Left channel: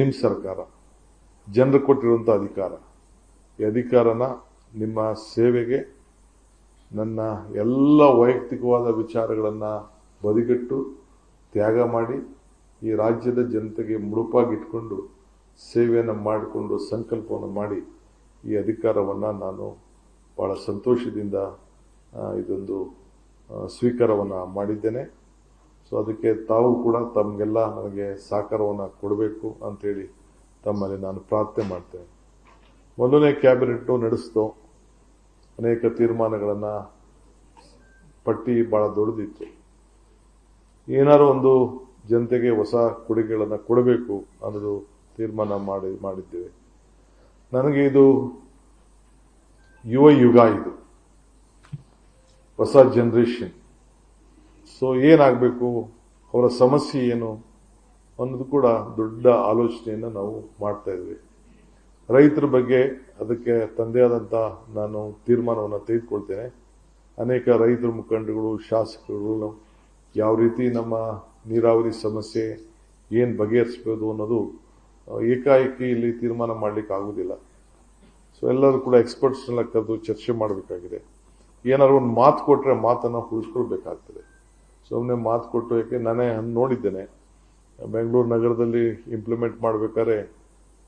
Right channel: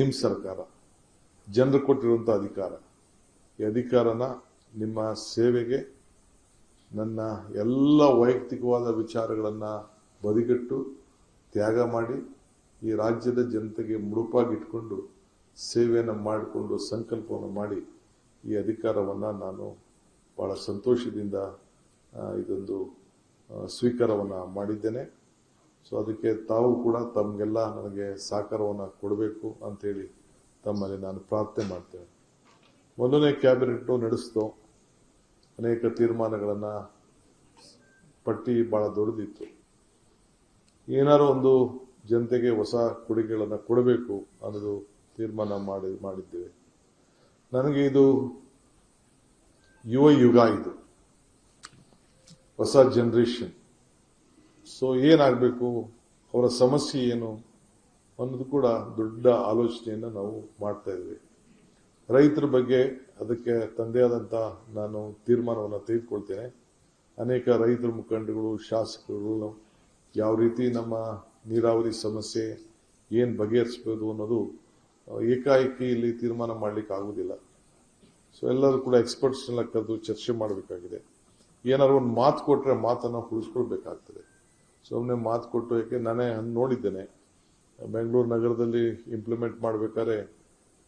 ನಿಮ್ಮ ಸರ್ಕಾರ, ಜನರು ಕೊಟ್ಟಿರುವಂತಹ ಅಧಿಕಾರ. ಈ ಅಧಿಕಾರನ ನಿಮ್ಮ ಸೇವೆಗೆ ನನ್ನ ಎಲ್ಲ ವೈಯಕ್ತಿಕವಾದ ವಿಚಾರಗಳನ್ನ ಬದಿಗಿಟ್ಟು ತ್ಯಾಗ ಮಾಡಿ ಈ ರಾಜ್ಯದ ಜನತೆಗೆ ಮುಡುಪಾಗಿಟ್ಕೊಂಡು ಸೇವೆಯನ್ನು ಮಾಡಿಕೊಂಡು ಸಂಕಲ್ಪವನ್ನು ಮಾಡಿ ಈ ಅಧಿಕಾರವನ್ನ ನಾನು ಬಹಳ ಸಂತೋಷದಿಂದ ಇದೊಂದು ಸ್ವೀಕಾರವನ್ನ ಮಾಡಿದ್ದೇನೆ. ಸೊ ಅದಕ್ಕೆ ತಾವು ಕೂಡ ತಮಗೆಲ್ಲ ನನಗೆ ಸಹಕಾರವನ್ನು ಕೊಡಬೇಕು ಅಂತೇಳಿ ತಮ್ಮಲ್ಲಿ ನಾನು ಪ್ರಾರ್ಥನೆ ಮಾಡ್ತೇನೆ. ಮೊದಲನೇ ಕ್ಯಾಬಿನೆಟ್ ನಡೆಸಿತು, ಅನೇಕ ತೀರ್ಮಾನಗಳನ್ನ ಪಟ್ಟಿ ಬಹಳ ದೊಡ್ಡದಿತ್ತು. ಏನಾದ್ರು ಒಂದು ಜನತೆಗೆ ಹೊಸ ಕೊಡುಗೆಗಳನ್ನ ಕೊಡಬೇಕು ಅನ್ನೋದು ತೀರ್ಮಾನ ಮಾಡಿದ್ದೇವೆ. ನನಗೆ ಇದು ಯುವ ಯುಗ, ಇದು ಹೊಸ ಜನರೇಷನ್. ಸೊ ಏನಾಗಬೇಕು, ಅವರ ಸಮಸ್ಯೆ ಏನು ಅನ್ನೋದು ಕೂಡ ದೊಡ್ಡ ಆಲೋಚನೆಯನ್ನು ನಾವು ಮಾಡ್ತಾ ಇದ್ವಿ. ರೈತರ ಬಗ್ಗೆ ಅದಕ್ಕೆ ತಂದೆ ಆದಂತ ನಾನು ತೀರ್ಮಾನವನ್ನು ತೆಗೆದುಕೊಳ್ತೇನೆ. ಅನೇಕ ರೈತರ ಮುಖಂಡಗಳು, ಶಾಸಕರು ಯಾವ ರೀತಿ ನಮ್ಮ ನೀರಾವರಿ ಸಮಸ್ಯೆ ಏನ್ ಬಗೆಹರಿಸಬಹುದು ಅನ್ನೋದು ಏಕಾಏಕಿ ಇಲ್ಲಿ ತೀರ್ಮಾನ ಮಾಡ್ಲಿಕ್ಕೆ ಆಗುದಿಲ್ಲ. ಸೊ ಎಲ್ಲರೂ ಕೂಡ ಎಕ್ಸ್ಪರ್ಟ್ಸ್ ಕರೆದು ಚರ್ಚೆ ಮಾಡಬೇಕಾಗಿದೆ. ಏನಾದ್ರು ಒಂದು ಮಾತು ಕೊಟ್ರೆ ಮಾತನ್ನ ಉಳಿಸ್ಕೊಳ್ಬೇಕಾಗ್ತದೆ. ಸುಮ್ಮನೆ ಮಾತು ಕೊಟ್ಟು, ಯಾಕೆ ನಾನೇ ನೋಡಿದ್ದೇನೆ ಬೆಂಗಳೂರು ನಗರದಲ್ಲಿ ಇಂಪ್ಲಿಮೆಂಟ್ ಮಾಡ್ಬೇಕಾದ್ರೆ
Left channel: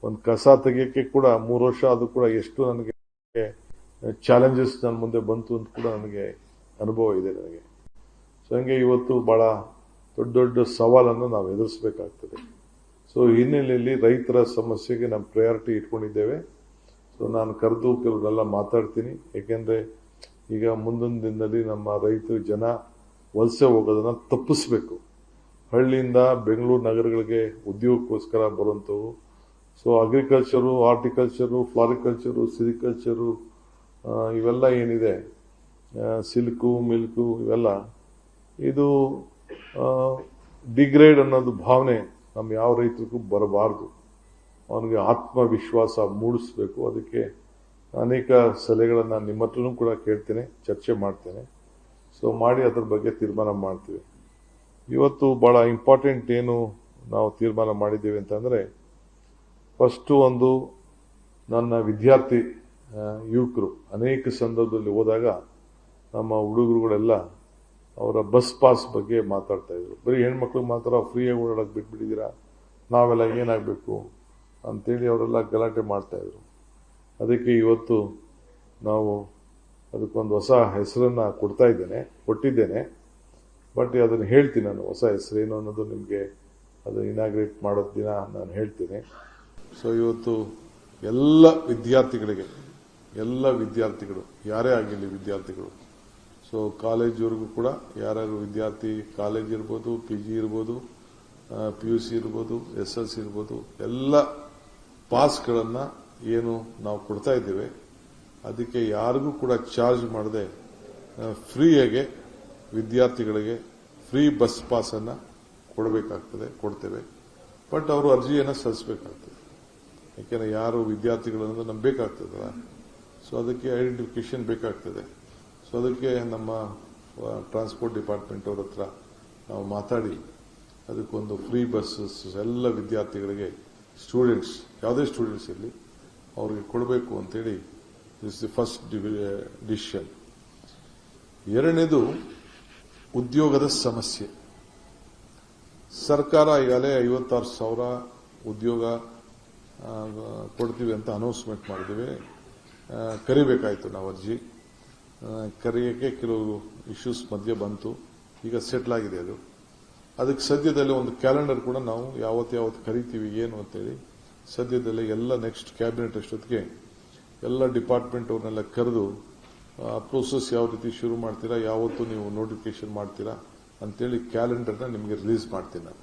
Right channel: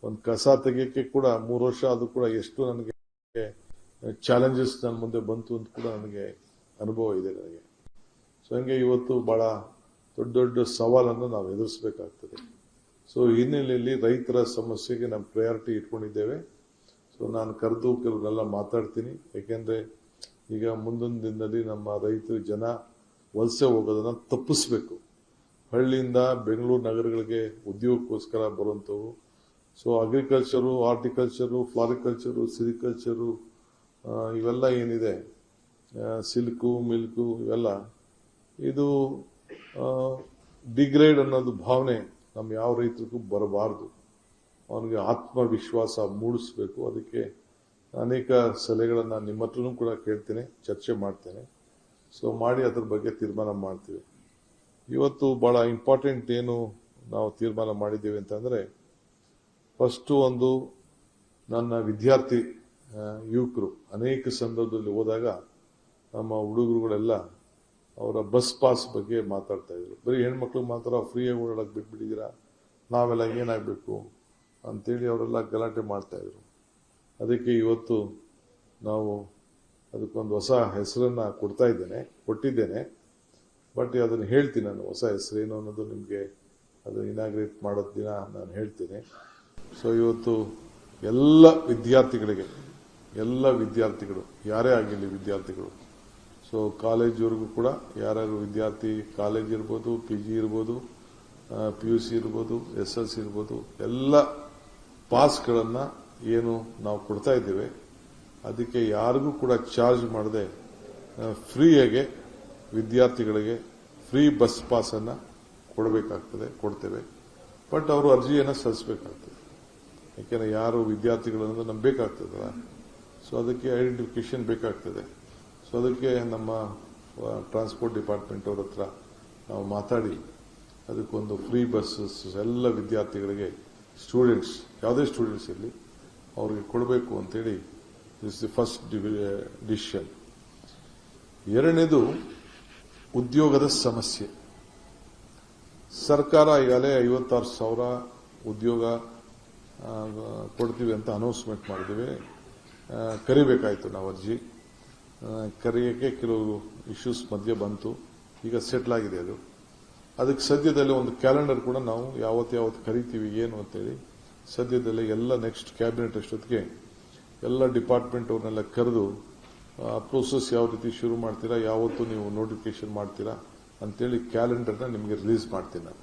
ಒಂದು ಕಸ ತೆಗಿಯಕ್ಕೆ ಕೂಡ 3 ವರ್ಷ, ಅದು ಕೂಡ ಎಷ್ಟು ನನಗೆ ಚಾಲೆಂಜಸ್ ನನ್ನ ಮುಂದೆ ಬಂತು ಅಂತ ಕೂಡ ನನಗೆ ಅನುಭವ ಇದೆ ನನಗೆ. ಸೊ ಹಂಗೆ ಇವತ್ತು ಬಹಳ ದೊಡ್ಡ ದೊಡ್ಡ ಸವಾಲನ್ನು ನಾವು ಎದುರಿಸಬೇಕಾಗ್ತದೆ. ಸೊ ಹಿನ್ನೆಲೆಯಲ್ಲಿ ರೈತರ ಸಮಸ್ಯೆಗೆ ನಾವು ಪ್ರಯಾರಿಟಿ ಇಟ್ಕೊಂಡಿದ್ದೇವೆ. ಸೊ ನಾನು ಕರೆದು ಕೆಲವರೆಲ್ಲ ಮಾತಾಡ್ತೀನಿ. ಯಾಕೆಂದ್ರೆ ಈಗ ಮುಂದಿನ ದಿನದಲ್ಲಿ ನಮ್ಮ ರೈತರು ಜನ ವಲಸೆ ಹೋಗೋದನ್ನ ತಪ್ಪಿಸ್ಬೇಕು. ಹಳ್ಳಿಯಿಂದ ಬೆಂಗಳೂರು ನಗರಗಳಿಗೆ ಉದ್ಯೋಗಕ್ಕೋಸ್ಕರ ಬರುವಂತವು. ಸೊ ಅಗ್ರಿಕಲ್ಚರು, ಹಾರ್ಟಿಕಲ್ಚರು, ಫ್ಲಾರಿಕಲ್ಚರು, ಸಿರಿಕಲ್ಚರು, ಇವೆಲ್ಲ ಏನಿದೆ, ಸಿಲ್ಕು, ಮಿಲ್ಕು, ಇವೆಲ್ಲ ಇದು ಡಿಗ್ರೇಡ್ ಅನ್ನೋದು ಭಾವನೆ ನಮ್ಮ ಯಾವ ರೈತರಿಗೂ ಬರಬಾರದು. ಅವನಿಗೆ ಆತ್ಮವಿಶ್ವಾಸ ಮೂಡಿಸಬೇಕು. ಅದಕ್ಕೆ ಅನೇಕ ಸಲಹೆಗಳನ್ನ ನಿಮ್ಮ ಹತ್ರನೂ ಕೂಡ ಕೇಳ್ತೇನೆ, ಚರ್ಚೆ ಮಾಡ್ತೇನೆ. ಸೊ ಮಾಡಿ ಅದರ ಬಗ್ಗೆ ತೀರ್ಮಾನ ಮಾಡ್ತೀವಿ. ಇವತ್ತು ಬಹಳ ಇಂಪಾರ್ಟೆಂಟ್ ಏನು ನಾವು ತೀರ್ಮಾನ ಮಾಡಿದ್ದೀವಿ ಅಂತಂದ್ರೆ, ಫಸ್ಟ್ ಒಂದು ನನ್ನ ವಿದ್ಯಾರ್ಥಿ ಯುವಕರು ಅನೇಕ ಸಂದರ್ಭದಲ್ಲಿ ಹೋದಾಗ ನಮ್ಮ ಹುಡುಗರುಗಳೆಲ್ಲ ಅವರ ಬಸ್ ಪಾಸ್ ಬಗ್ಗೆ ಮಾತಾಡ್ತಾ ಇದ್ರು. ಬರೀ ಹೆಣ್ಮಕ್ಳು ಮಾತ್ರ ಫ್ರೀಯಾಗಿ ಓಡಾಡಕ್ ಬಿಟ್ಬಿಟ್ಟಿದ್ದೀರಾ, ನಾವೆಲ್ಲ ಏನಾಗಬೇಕು ಅಂತೇಳಿ ಅವರೆಲ್ಲ ಗಲಾಟೆ ಮಾಡ್ತಾ ಇದ್ರು. ಅದಕ್ಕೆ ಇವತ್ತು ನಾವು ಅದಕ್ಕೊಂದು ಹೊಸ ಹೆಸರನ್ನ ಕೊಟ್ಟಿದ್ದೇನೆ. ಬಟ್ ಅದನ್ನು ಹೇಳ್ತೀನಿ, ನಾನು ಹೊಸ ಹೆಸರೇನು ಅನ್ನೋದು ನಿಮಗೆ ಅದು ಇನಾಗ್ರೇಟ್ ಮಾಡೋ ದಿನ ನಾನು ಹೇಳ್ತೀನಿ. ಸೊ ಇವತ್ತು ಎಲ್ಲ ವಿದ್ಯಾರ್ಥಿಗಳು ಯಾರೇ ಆಗಿರಲಿ ವಿದ್ಯಾರ್ಥಿಗಳು, ಸೊ ಕಾಲೇಜ್ವರೆಗೂ ಕೂಡ ಯಾರ್ಯಾರು ವಿದ್ಯಾರ್ಥಿ, ಕಾಲೇಜ್ ಇರ್ಬೋದು, PG ಇರ್ಬೋದು, PUC ಇರ್ಬೋದು, SSLC ಇರ್ಬೋದು, ಎಲ್ಲ ಪಾಸ್ಗಳನ್ನ ಏನು ನಾವು ಕೊಡ್ತಾ ಇದ್ದೇವೆ, ಅದಕ್ಕೆ ಯಾರಿಗೂ ಕೂಡ ಚಾರ್ಜ್ ಮಾಡದೆ ಫ್ರೀಯಾಗೆ ವಿದ್ಯಾರ್ಥಿಗಳಿಗೆ ಫ್ರೀ ಬಸ್ ಪಾಸ್ ಅನ್ನ ಕೊಡ್ತೇವೆ. ಬಟ್ ಅವರು ಅರ್ಜಿಯನ್ನು ಸಲ್ಲಿಸಬೇಕಾಗ್ತದೆ. ಯಾಕೆಂದ್ರೆ ಯಾರು ವಿದ್ಯಾರ್ಥಿಗಳನ್ನು ನಂಬಬೇಕಾಗ್ತದಲ್ಲ, ಸೊ ಅದಕ್ಕೆ ಐಡೆಂಟಿಫಿಕೇಶನ್ ಬೇಕಾಗ್ತದೆ. ಸೊ ಅದಕ್ಕೆ ನಮ್ಮ ಟ್ರಾನ್ಸ್ಪೋರ್ಟ್ ಡಿಪಾರ್ಟ್ಮೆಂಟ್ ಅವ್ರ ಹತ್ರ ನಾವು ಮಾತಾಡಿ ಅದಕ್ಕೊಂದು ಫ್ರೀ ಬಸ್ಸಸ್ ಎಲ್ಲ ವಿದ್ಯಾರ್ಥಿಗಳಿಗೆ, ಸ್ಟೂಡೆಂಟ್ಸ್, ಯಾವುದೇ ಸ್ಟೂಡೆಂಟ್ಸ್ ಇರಲಿ, ಅವ್ರಿಗೆ ಕೊಡಬೇಕು ಅಂತೇಳಿ ದಿಸ್ ದಿ ಫಸ್ಟ್ ಡಿಸಿಷನ್. ಎರಡನೇದು ಉದ್ಯೋಗದ ಸಮಸ್ಯೆ. ಸರ್ಕಾರ ಈಗಾಗಲೇ 56,000 ಉದ್ಯೋಗ ಕೊಡ್ತೀವಿ ಅಂತ ಅನೌನ್ಸ್ಮೆಂಟ್ ಮಾಡಿದ್ದೀವಿ. ಕರಿಬೇಕಾಯ್ತು ನಾವು ಅರ್ಜಿ. ಕರೆಯಕ್ಕೆ ಕೆಲವು ಇಶ್ಯೂಸ್ ಮಧ್ಯೆ ಬಂತು, ಈಗ ಸೆಟ್ಲ್ ಆಗಿದೆ ಅದು. ಅದಕ್ಕೆ ಸದ್ಯದಲ್ಲೇ ಒಂದು ಕ್ಯಾಲೆಂಡರ್ ಕೂಡ ನಾವು ಯಾವತ್ತು ಕರಿತೀವಿ ಏನು ಅಂತೇಳಿ ಸದ್ಯದಲ್ಲೇ ಎಲ್ಲ ನೆಕ್ಸ್ಟ್ ಕ್ಯಾಬಿನೆಟ್ ಅಷ್ಟೊತ್ತಿಗೆ ಎಲ್ಲ ಡಿಪಾರ್ಟ್ಮೆಂಟ್ ಅವ್ರನ್ನೆಲ್ಲ ಕರೆದು ಪ್ರೋಸೆಸ್ ಯಾವ ರೀತಿ ಶುರು ಮಾಡ್ತೀರಾ, ಯಾವತ್ತು ನೀವು ನೋಟಿಫಿಕೇಶನ್ ಮಾಡ್ತೀರಾ ಅಂತೇಳಿ ಕ್ಯಾಲೆಂಡರ್ನ ನಿಮಗೆ ರಿಲೀಸ್ ಮಾಡ್ತೀನಿ ನಾನು.